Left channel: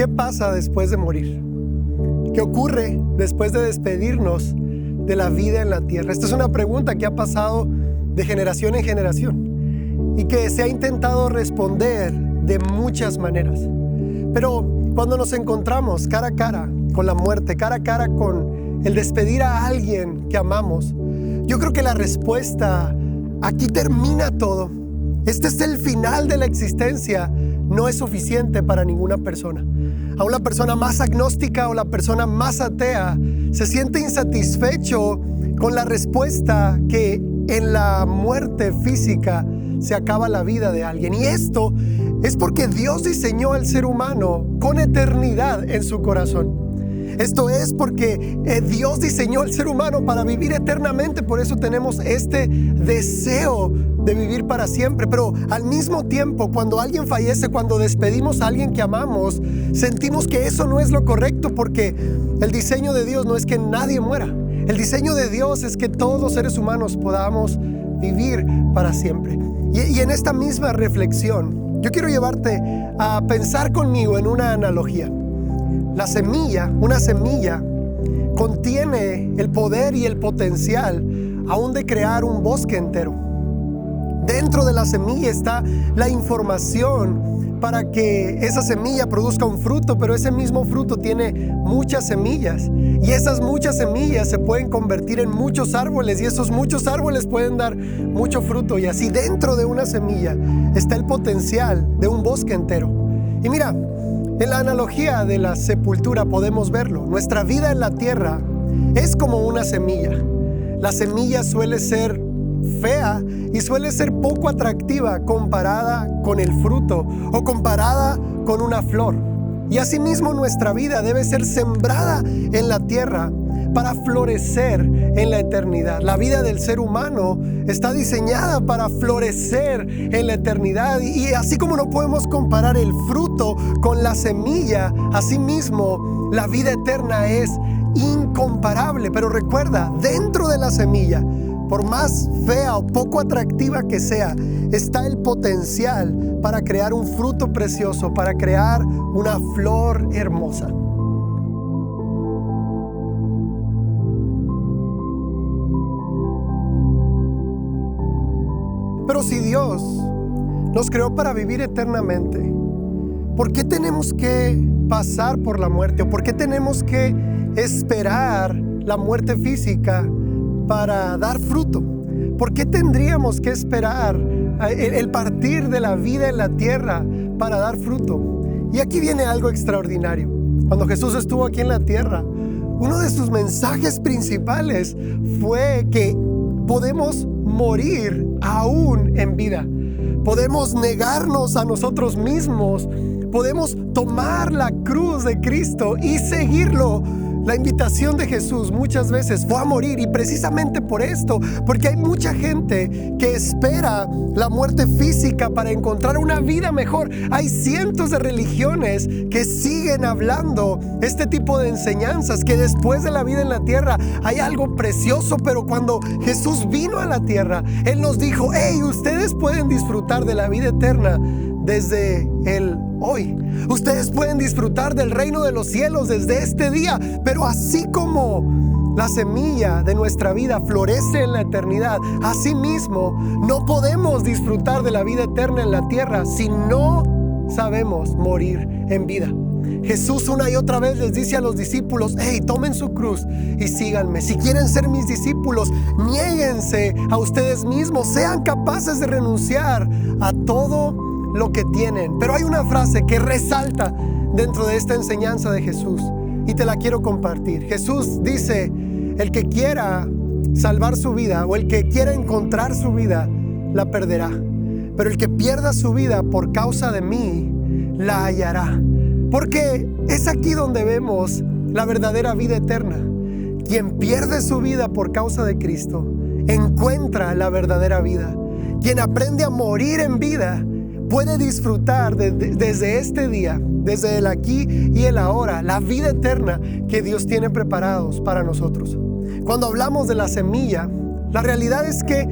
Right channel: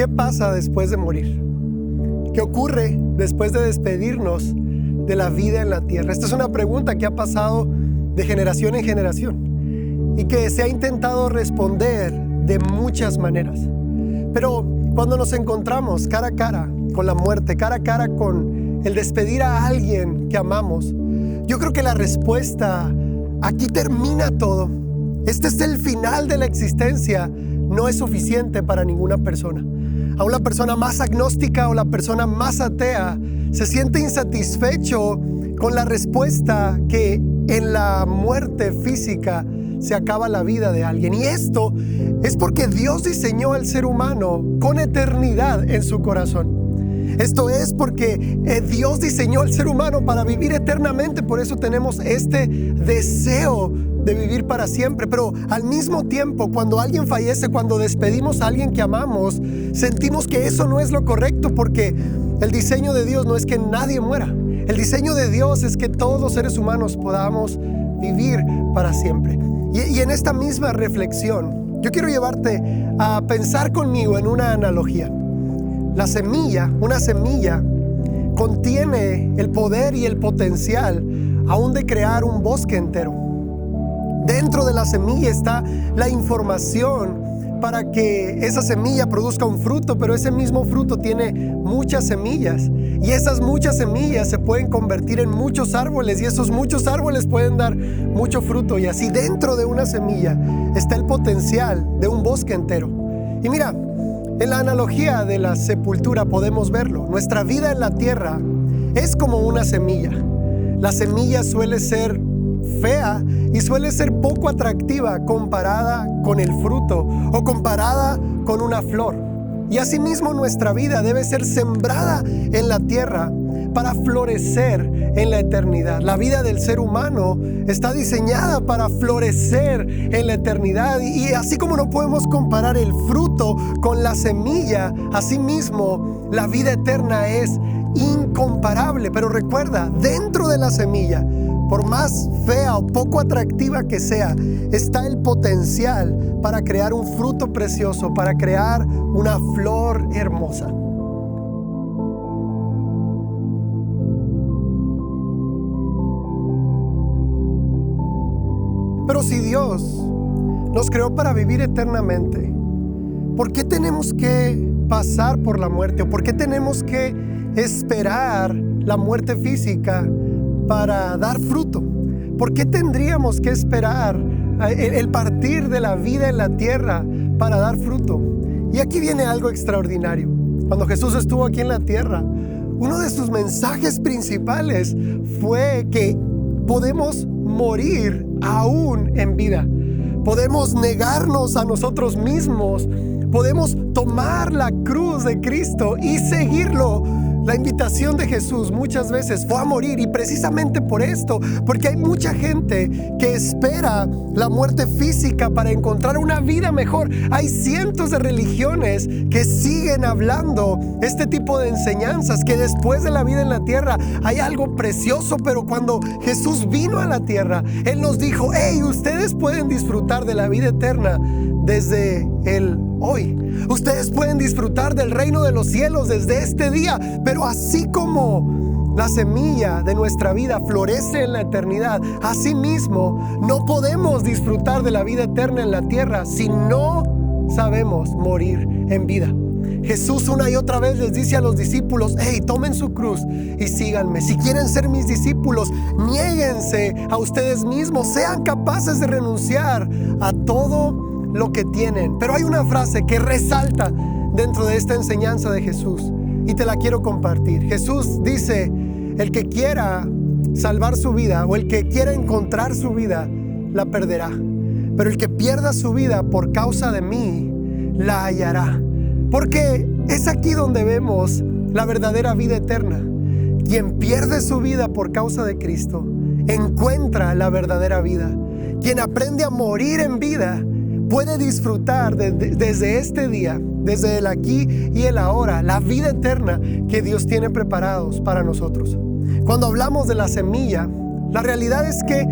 ¿qué pasa después de morir? ¿Qué ocurre después de despedirnos de la vida en la tierra? Esta es una pregunta que ha pasado de generación en generación y que se ha intentado responder de muchas maneras. Pero cuando nos encontramos cara a cara con la muerte, cara a cara con el despedir a alguien que amamos, yo creo que la respuesta, aquí termina todo. Este es el final de la existencia. No es suficiente para ninguna persona. Aún la persona más agnóstica o la persona más atea se siente insatisfecho con la respuesta que en la muerte física se acaba la vida de alguien. Y esto es porque Dios diseñó al ser humano con eternidad en su corazón. Esto es porque Dios diseñó al ser humano para vivir eternamente. Por eso tenemos este deseo de vivir para siempre. Pero al mismo tiempo, cuando alguien fallece, cuando despedimos a alguien que amamos, sentimos que eso no es lo correcto, porque el diseño de Dios no es que nadie muera. El diseño de Dios es que todos los seres humanos podamos vivir para siempre. Y en esta misma reflexión, yo quiero llevarte a pensar conmigo en una analogía. Una semilla, contiene el poder y el potencial aún de crear un bosque entero. Dentro de la semilla está la información para que esa semilla produzca un fruto, pero ese mismo fruto tiene muchas semillas, y esas muchas semillas se pueden convertir en muchos árboles, y esos muchos árboles pueden dar mucho fruto, y así dentro de una semilla está el potencial de un bosque entero. Y mira, en la analogía de la sepultura podemos verlo. Nuestra vida en la tierra es como una semilla. La semilla suele ser fea y suele ser poco atractiva comparada con el fruto o comparada con una flor. Y asimismo nuestra vida debe ser sembrada en la tierra para florecer en la eternidad. La vida del ser humano está diseñada para florecer en la eternidad, y así como no podemos comparar el fruto con la semilla, asimismo la vida eterna es incomparable. Pero recuerda, dentro de la semilla, por más fea o poco atractiva que sea, está el potencial para crear un fruto precioso, para crear una flor hermosa. Pero si Dios nos creó para vivir eternamente, ¿por qué tenemos que pasar por la muerte? ¿O por qué tenemos que esperar la muerte física para dar fruto? ¿Por qué tendríamos que esperar el partir de la vida en la tierra para dar fruto? Y aquí viene algo extraordinario. Cuando Jesús estuvo aquí en la tierra, uno de sus mensajes principales fue que podemos morir aún en vida. Podemos negarnos a nosotros mismos. Podemos tomar la cruz de Cristo y seguirlo. La invitación de Jesús muchas veces fue a morir, y precisamente por esto, porque hay mucha gente que espera la muerte física para encontrar una vida mejor. Hay cientos de religiones que siguen hablando este tipo de enseñanzas, que después de la vida en la tierra hay algo precioso. Pero cuando Jesús vino a la tierra, Él nos dijo: hey, ustedes pueden disfrutar de la vida eterna desde el hoy. Ustedes pueden disfrutar del reino de los cielos desde este día. Pero así como la semilla de nuestra vida florece en la eternidad, asimismo no podemos disfrutar de la vida eterna en la tierra si no sabemos morir en vida. Jesús una y otra vez les dice a los discípulos: hey, tomen su cruz y síganme. Si quieren ser mis discípulos, niéguense a ustedes mismos, sean capaces de renunciar a todo lo que tienen. Pero hay una frase que resalta dentro de esta enseñanza de Jesús, y te la quiero compartir. Jesús dice: el que quiera salvar su vida, o el que quiera encontrar su vida, la perderá. Pero el que pierda su vida por causa de mí, la hallará. Porque es aquí donde vemos la verdadera vida eterna. Quien pierde su vida por causa de Cristo, encuentra la verdadera vida. Quien aprende a morir en vida, puede disfrutar desde este día, desde el aquí y el ahora, la vida eterna que Dios tiene preparados para nosotros. Cuando hablamos de la semilla, la realidad es que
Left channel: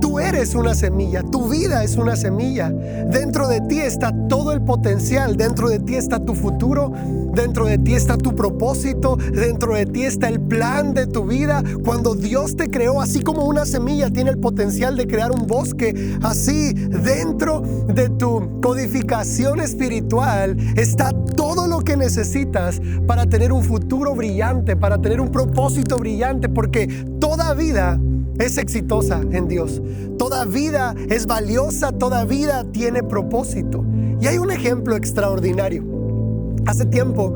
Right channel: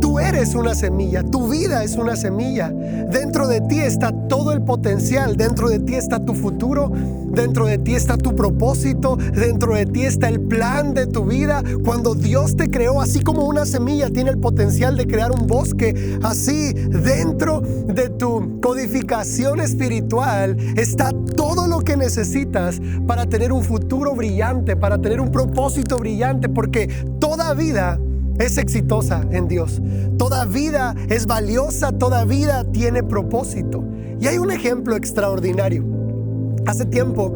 Tú eres una semilla, tu vida es una semilla. Dentro de ti está todo el potencial, dentro de ti está tu futuro, dentro de ti está tu propósito, dentro de ti está el plan de tu vida. Cuando Dios te creó, así como una semilla tiene el potencial de crear un bosque, así dentro de tu codificación espiritual está todo lo que necesitas para tener un futuro brillante, para tener un propósito brillante, porque toda vida es exitosa en Dios. Toda vida es valiosa, toda vida tiene propósito. Y hay un ejemplo extraordinario. Hace tiempo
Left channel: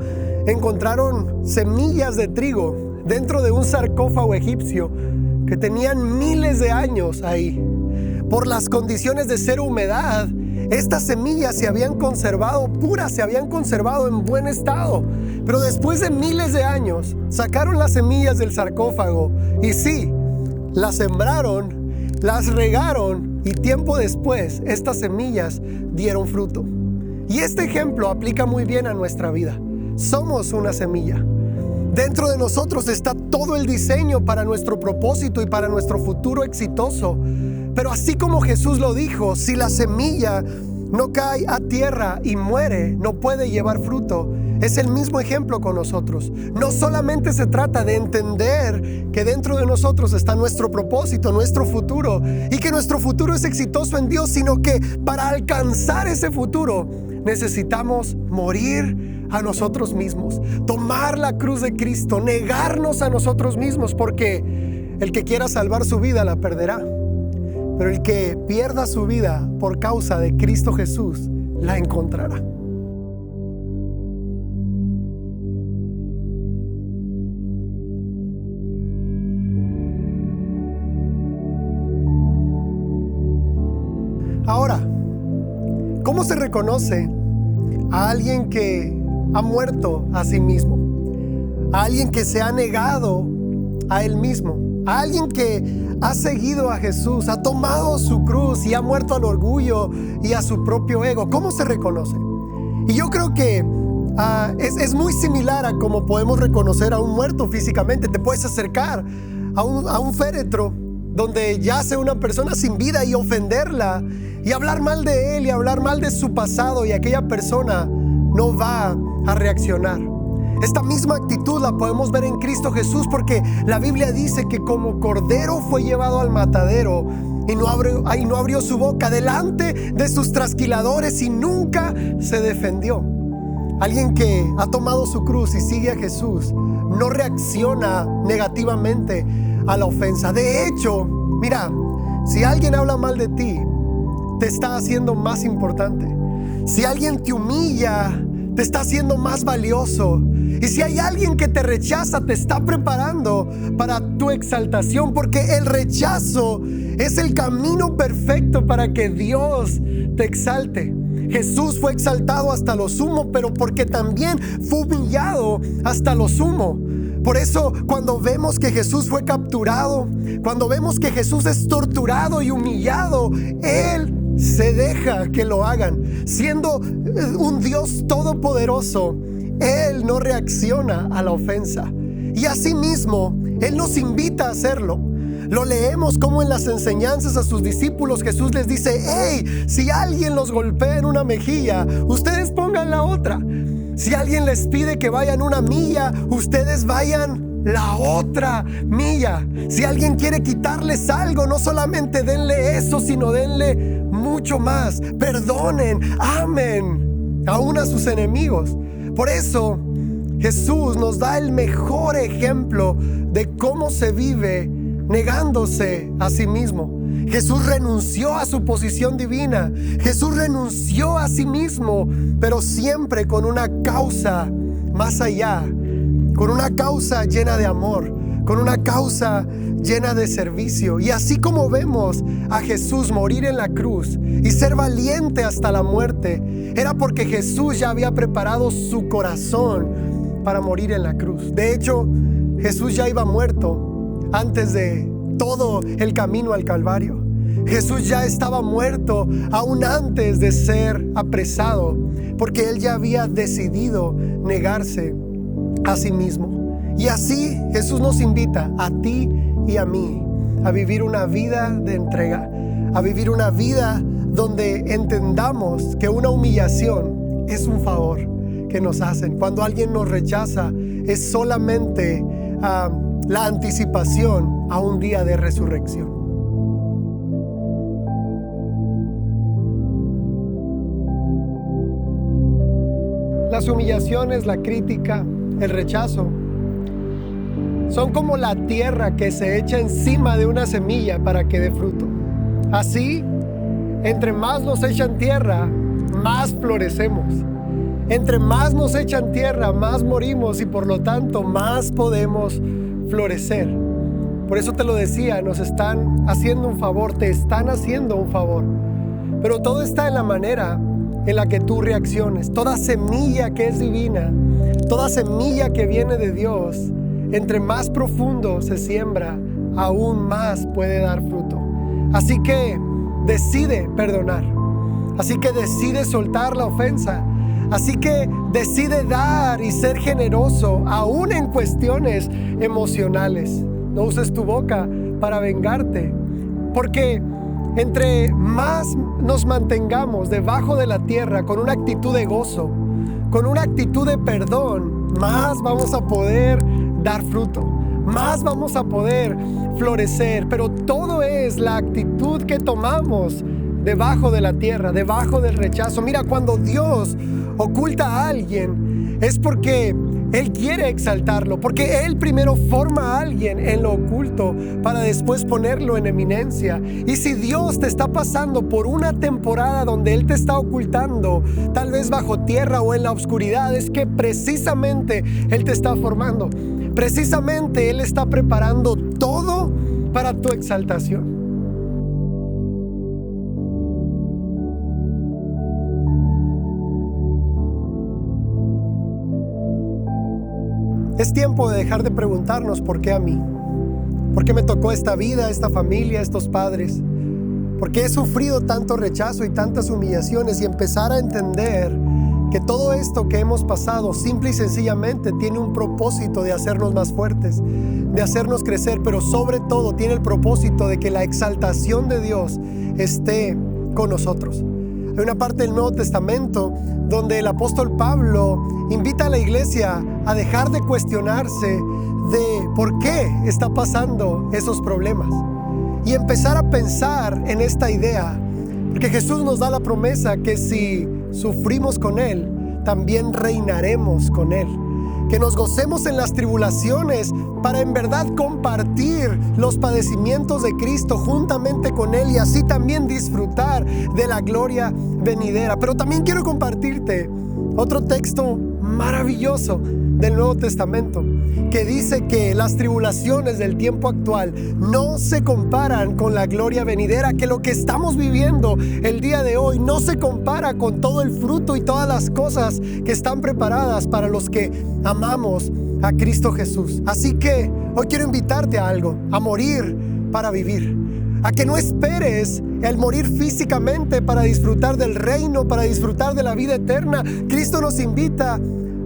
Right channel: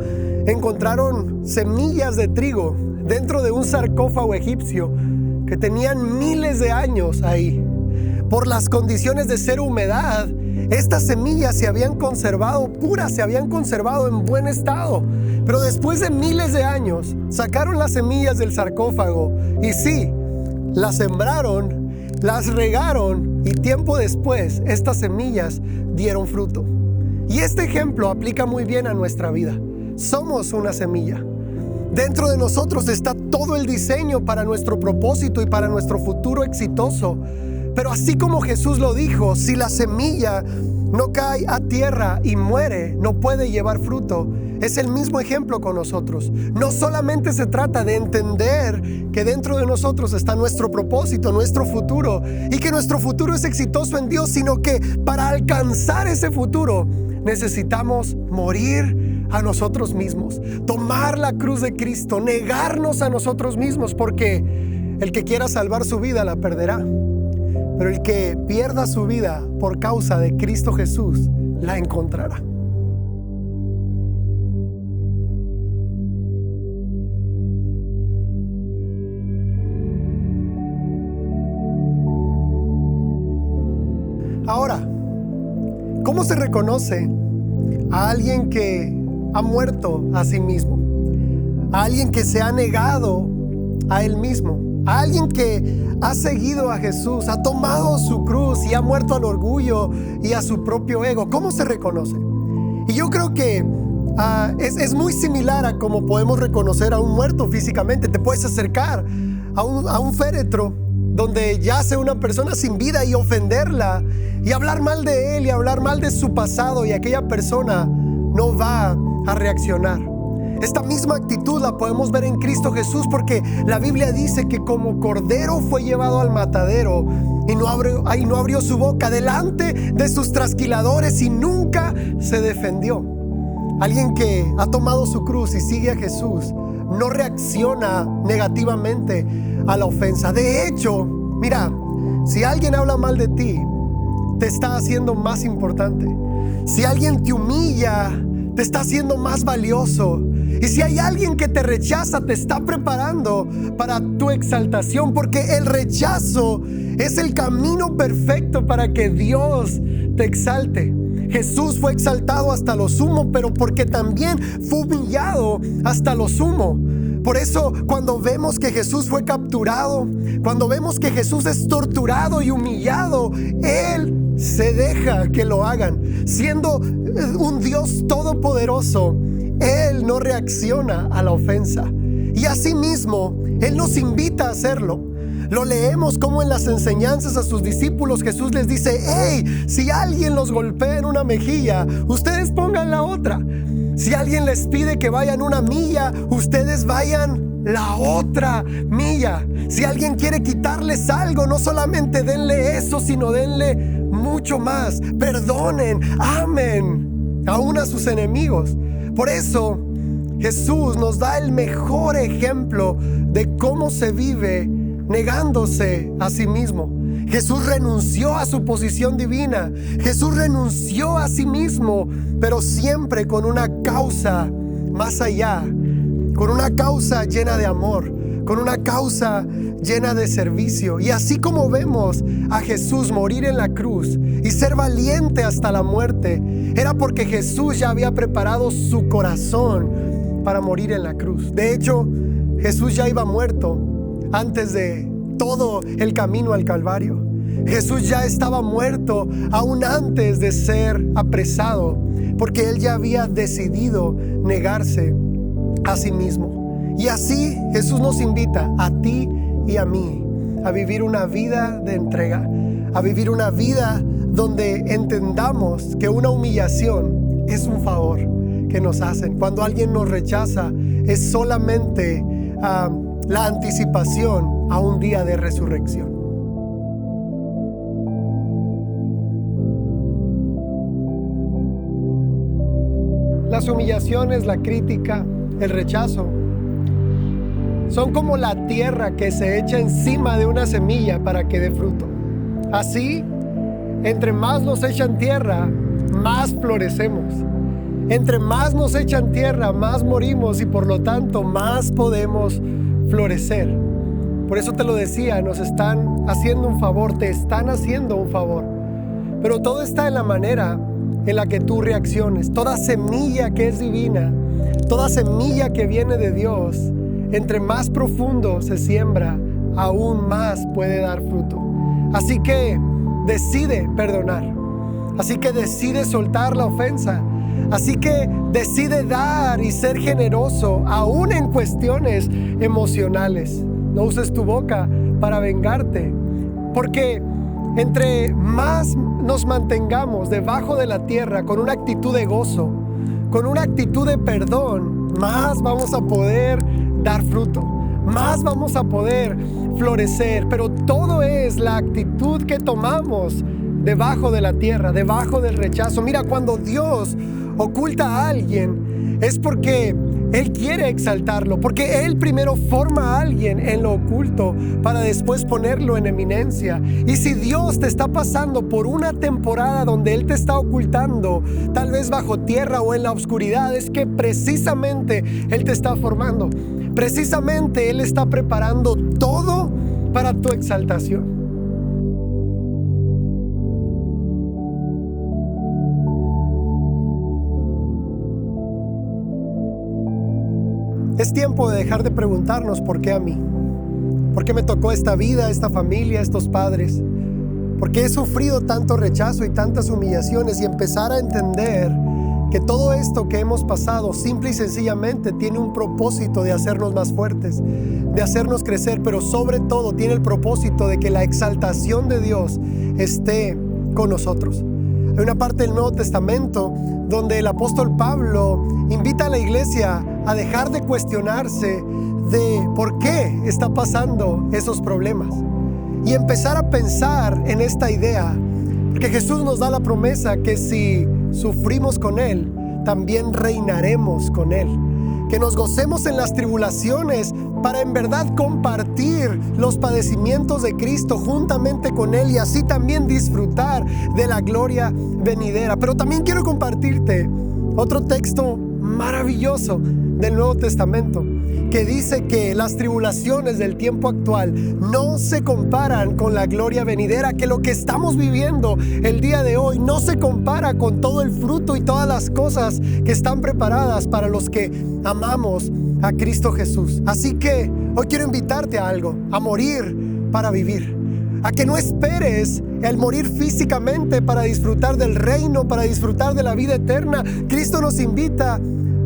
encontraron semillas de trigo dentro de un sarcófago egipcio que tenían miles de años ahí. Por las condiciones de cero humedad, estas semillas se habían conservado puras, se habían conservado en buen estado. Pero después de miles de años, sacaron las semillas del sarcófago y sí, las sembraron, las regaron y tiempo después estas semillas dieron fruto. Y este ejemplo aplica muy bien a nuestra vida. Somos una semilla. Dentro de nosotros está todo el diseño para nuestro propósito y para nuestro futuro exitoso. Pero así como Jesús lo dijo, si la semilla no cae a tierra y muere, no puede llevar fruto. Es el mismo ejemplo con nosotros. No solamente se trata de entender que dentro de nosotros está nuestro propósito, nuestro futuro, y que nuestro futuro es exitoso en Dios, sino que para alcanzar ese futuro necesitamos morir a nosotros mismos, tomar la cruz de Cristo, negarnos a nosotros mismos, porque el que quiera salvar su vida la perderá, pero el que pierda su vida por causa de Cristo Jesús la encontrará. Ahora, ¿cómo se reconoce a alguien que ha muerto a sí mismo? A alguien que se ha negado a él mismo, a alguien que ha seguido a Jesús, ha tomado su cruz y ha muerto al orgullo y a su propio ego. ¿Cómo se reconoce? Y yo creo que es muy similar a cómo podemos reconocer a un muerto físicamente. Te puedes acercar a un féretro donde yace una persona sin vida y ofenderla y hablar mal de él y hablar mal de su pasado, y aquella persona no va a reaccionar. Esta misma actitud la podemos ver en Cristo Jesús, porque la Biblia dice que como cordero fue llevado al matadero y no abrió su boca delante de sus trasquiladores y nunca se defendió. Alguien que ha tomado su cruz y sigue a Jesús no reacciona negativamente a la ofensa. De hecho, mira, si alguien habla mal de ti, te está haciendo más importante. Si alguien te humilla, te está haciendo más valioso. Y si hay alguien que te rechaza, te está preparando para tu exaltación, porque el rechazo es el camino perfecto para que Dios te exalte. Jesús fue exaltado hasta lo sumo, pero porque también fue humillado hasta lo sumo. Por eso, cuando vemos que Jesús fue capturado, cuando vemos que Jesús es torturado y humillado, Él se deja que lo hagan. Siendo un Dios todopoderoso, Él no reacciona a la ofensa. Y asimismo, Él nos invita a hacerlo. Lo leemos como en las enseñanzas a sus discípulos Jesús les dice: hey, si alguien los golpea en una mejilla, ustedes pongan la otra. Si alguien les pide que vayan una milla, ustedes vayan la otra milla. Si alguien quiere quitarles algo, no solamente denle eso, sino denle mucho más. Perdonen, amen aún a sus enemigos. Por eso Jesús nos da el mejor ejemplo de cómo se vive negándose a sí mismo. Jesús renunció a su posición divina. Jesús renunció a sí mismo, pero siempre con una causa más allá, con una causa llena de amor, con una causa llena de servicio. Y así como vemos a Jesús morir en la cruz y ser valiente hasta la muerte, era porque Jesús ya había preparado su corazón para morir en la cruz. De hecho, Jesús ya iba muerto antes de todo el camino al Calvario. Jesús ya estaba muerto aún antes de ser apresado, porque Él ya había decidido negarse a sí mismo. Y así Jesús nos invita a ti y a mí a vivir una vida de entrega, a vivir una vida donde entendamos que una humillación es un favor que nos hacen. Cuando alguien nos rechaza, es solamente la anticipación a un día de resurrección. Las humillaciones, la crítica, el rechazo, son como la tierra que se echa encima de una semilla para que dé fruto. Así, entre más nos echan tierra, más florecemos. Entre más nos echan tierra, más morimos y por lo tanto más podemos florecer. Por eso te lo decía, nos están haciendo un favor, te están haciendo un favor. Pero todo está en la manera en la que tú reacciones. Toda semilla que es divina, toda semilla que viene de Dios, entre más profundo se siembra, aún más puede dar fruto. Así que decide perdonar. Así que decide soltar la ofensa. Así que decide dar y ser generoso, aún en cuestiones emocionales. No uses tu boca para vengarte, porque entre más nos mantengamos debajo de la tierra con una actitud de gozo, con una actitud de perdón, más vamos a poder dar fruto, más vamos a poder florecer. Pero todo es la actitud que tomamos debajo de la tierra, debajo del rechazo. Mira, cuando Dios oculta a alguien, es porque Él quiere exaltarlo, porque Él primero forma a alguien en lo oculto para después ponerlo en eminencia. Y si Dios te está pasando por una temporada donde Él te está ocultando, tal vez bajo tierra o en la oscuridad, es que precisamente Él te está formando. Precisamente Él está preparando todo para tu exaltación. Es tiempo de dejar de preguntarnos por qué a mí, por qué me tocó esta vida, esta familia, estos padres, por qué he sufrido tanto rechazo y tantas humillaciones, y empezar a entender que todo esto que hemos pasado simple y sencillamente tiene un propósito de hacernos más fuertes, de hacernos crecer, pero sobre todo tiene el propósito de que la exaltación de Dios esté con nosotros. Hay una parte del Nuevo Testamento donde el apóstol Pablo invita a la iglesia a dejar de cuestionarse de por qué está pasando esos problemas y empezar a pensar en esta idea, porque Jesús nos da la promesa que si sufrimos con Él, también reinaremos con Él. Que nos gocemos en las tribulaciones para en verdad compartir los padecimientos de Cristo juntamente con Él y así también disfrutar de la gloria venidera. Pero también quiero compartirte otro texto maravilloso del Nuevo Testamento que dice que las tribulaciones del tiempo actual no se comparan con la gloria venidera, que lo que estamos viviendo el día de hoy no se compara con todo el fruto y todas las cosas que están preparadas para los que amamos a Cristo Jesús. Así que hoy quiero invitarte a algo, a morir para vivir, a que no esperes el morir físicamente para disfrutar del reino, para disfrutar de la vida eterna. Cristo nos invita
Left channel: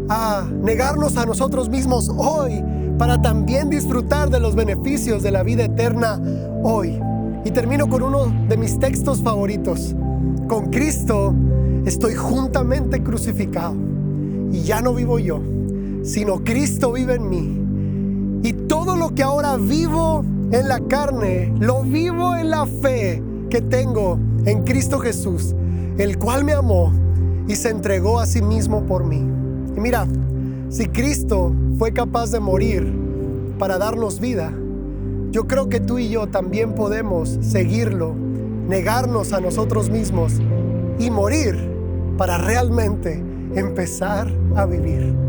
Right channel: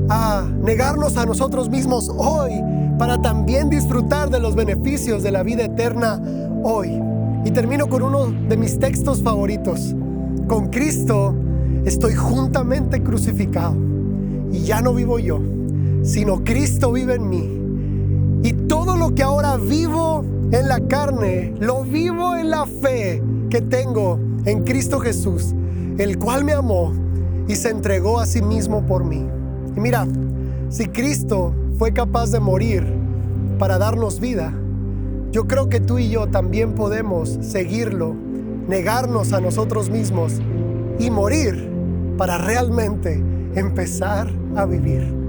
a negarnos a nosotros mismos hoy para también disfrutar de los beneficios de la vida eterna hoy. Y termino con uno de mis textos favoritos. Con Cristo estoy juntamente crucificado y ya no vivo yo, sino Cristo vive en mí. Y todo lo que ahora vivo en la carne, lo vivo en la fe que tengo en Cristo Jesús, el cual me amó y se entregó a sí mismo por mí. Y mira, si Cristo fue capaz de morir para darnos vida, yo creo que tú y yo también podemos seguirlo, negarnos a nosotros mismos y morir para realmente empezar a vivir.